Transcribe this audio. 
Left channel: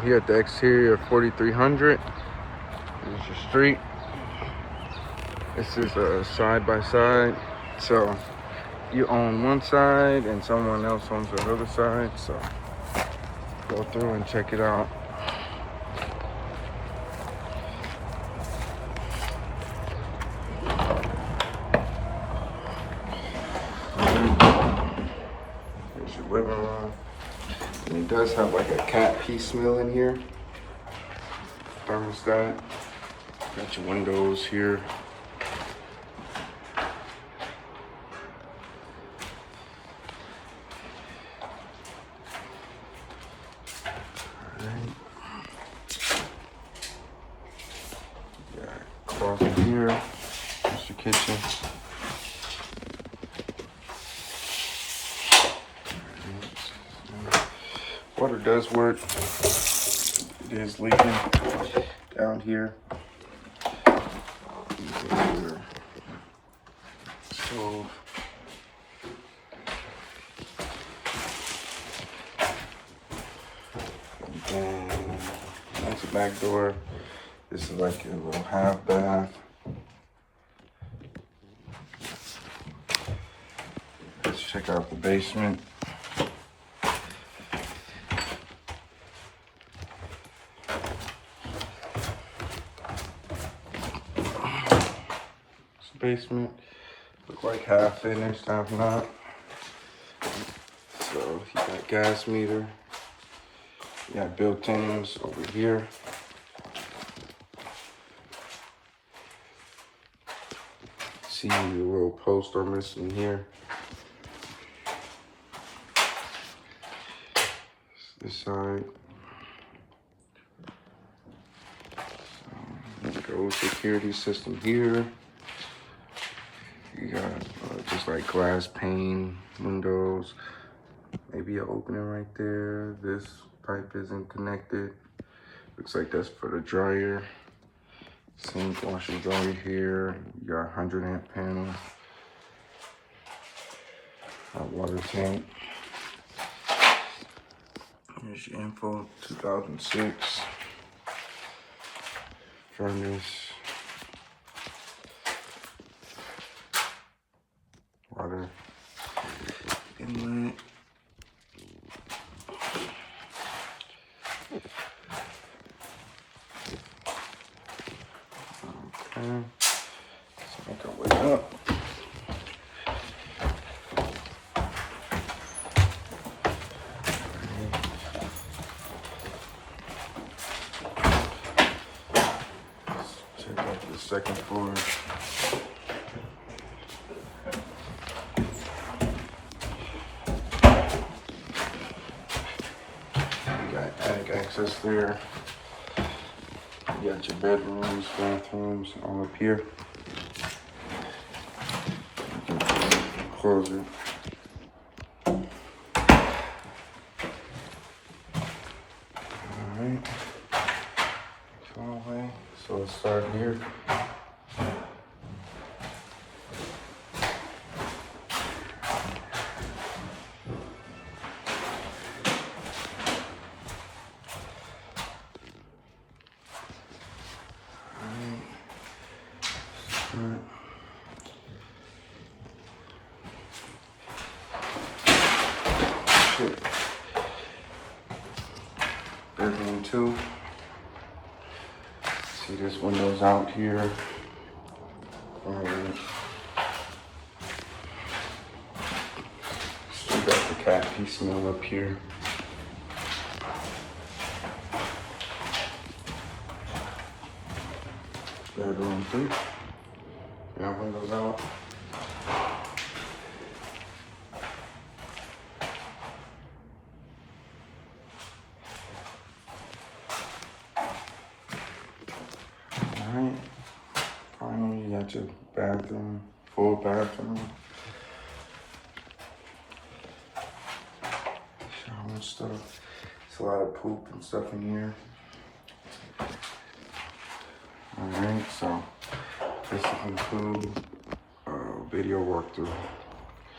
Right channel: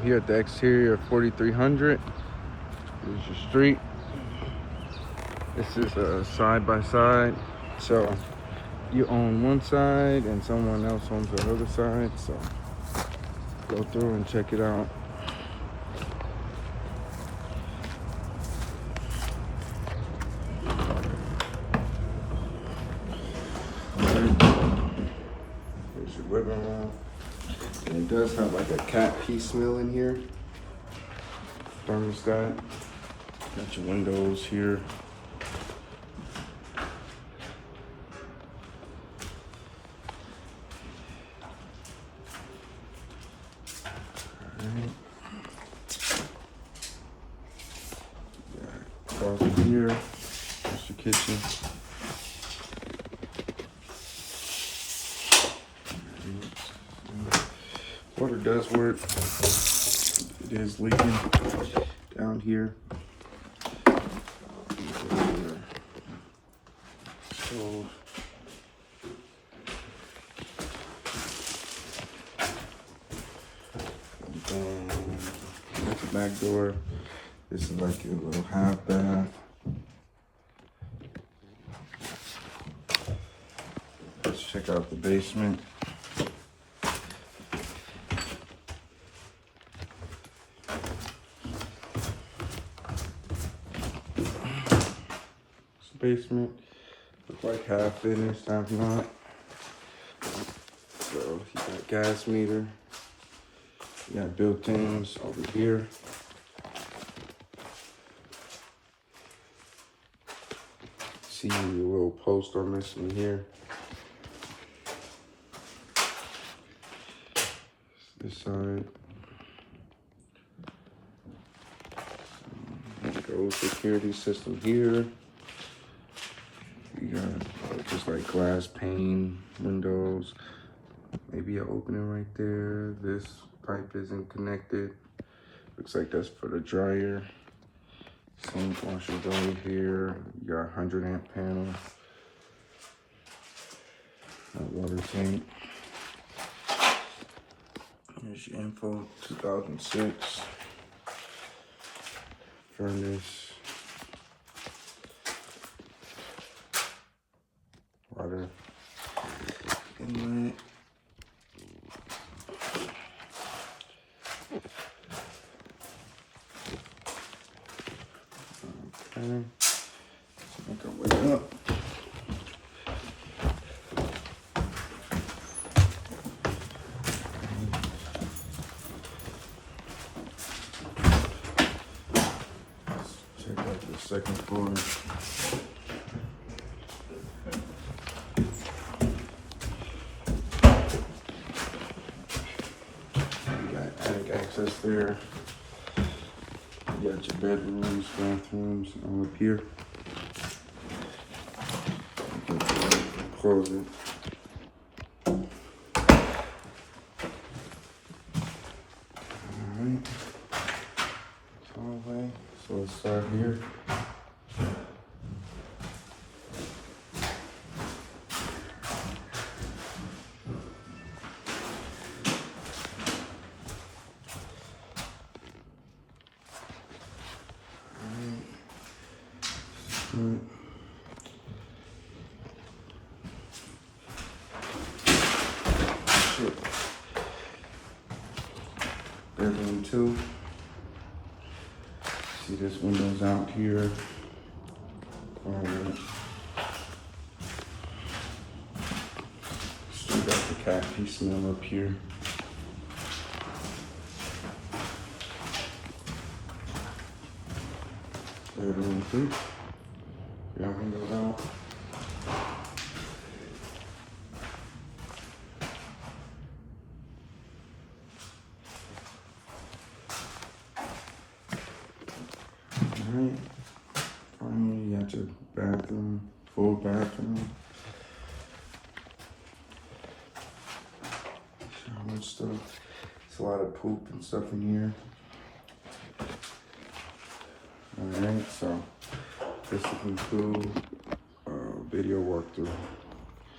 I'm here at the exterior of 4300. This is your street. This is a side by side. So you own one side and someone else owns the other side. So go through and check it out. Here's your living room. And it does have like a cat piece mill in here. Thermostat. Got your windows here. Alright. Yeah, closet here. Here's your kitchen. Water does work. It is leaking down here. Stove. And that's the back door. This is like a little half bath. Let's check out the basement. Basement, look like half finished, half not. So you got gas meter, you got built-ins over here. See the little post are missing here. This side. So let's go security system here. You got just like glass pane, windows, maybe an opening right there. This pipe isn't connected. Looks like that's for the dryer. Sink, washer, dryer here. You got 100 amp panel. Hot water tank. Here's your info, 2006. Furnace. Water inlet. Okay, let's make our way up. Let's check out the second floor. Access there. You got your bedrooms, bathrooms, all up here. Close it. Alright. So let's start here. Bedroom 2. See this window's out here. Still got the cat piece mill up here. Bedroom 3. Got windows out. Alright. Finally, you got your bathroom, full bathroom. Shower and stuff. There's a lot of poop and stuff in here. Alright, so this will conclude video walkthrough.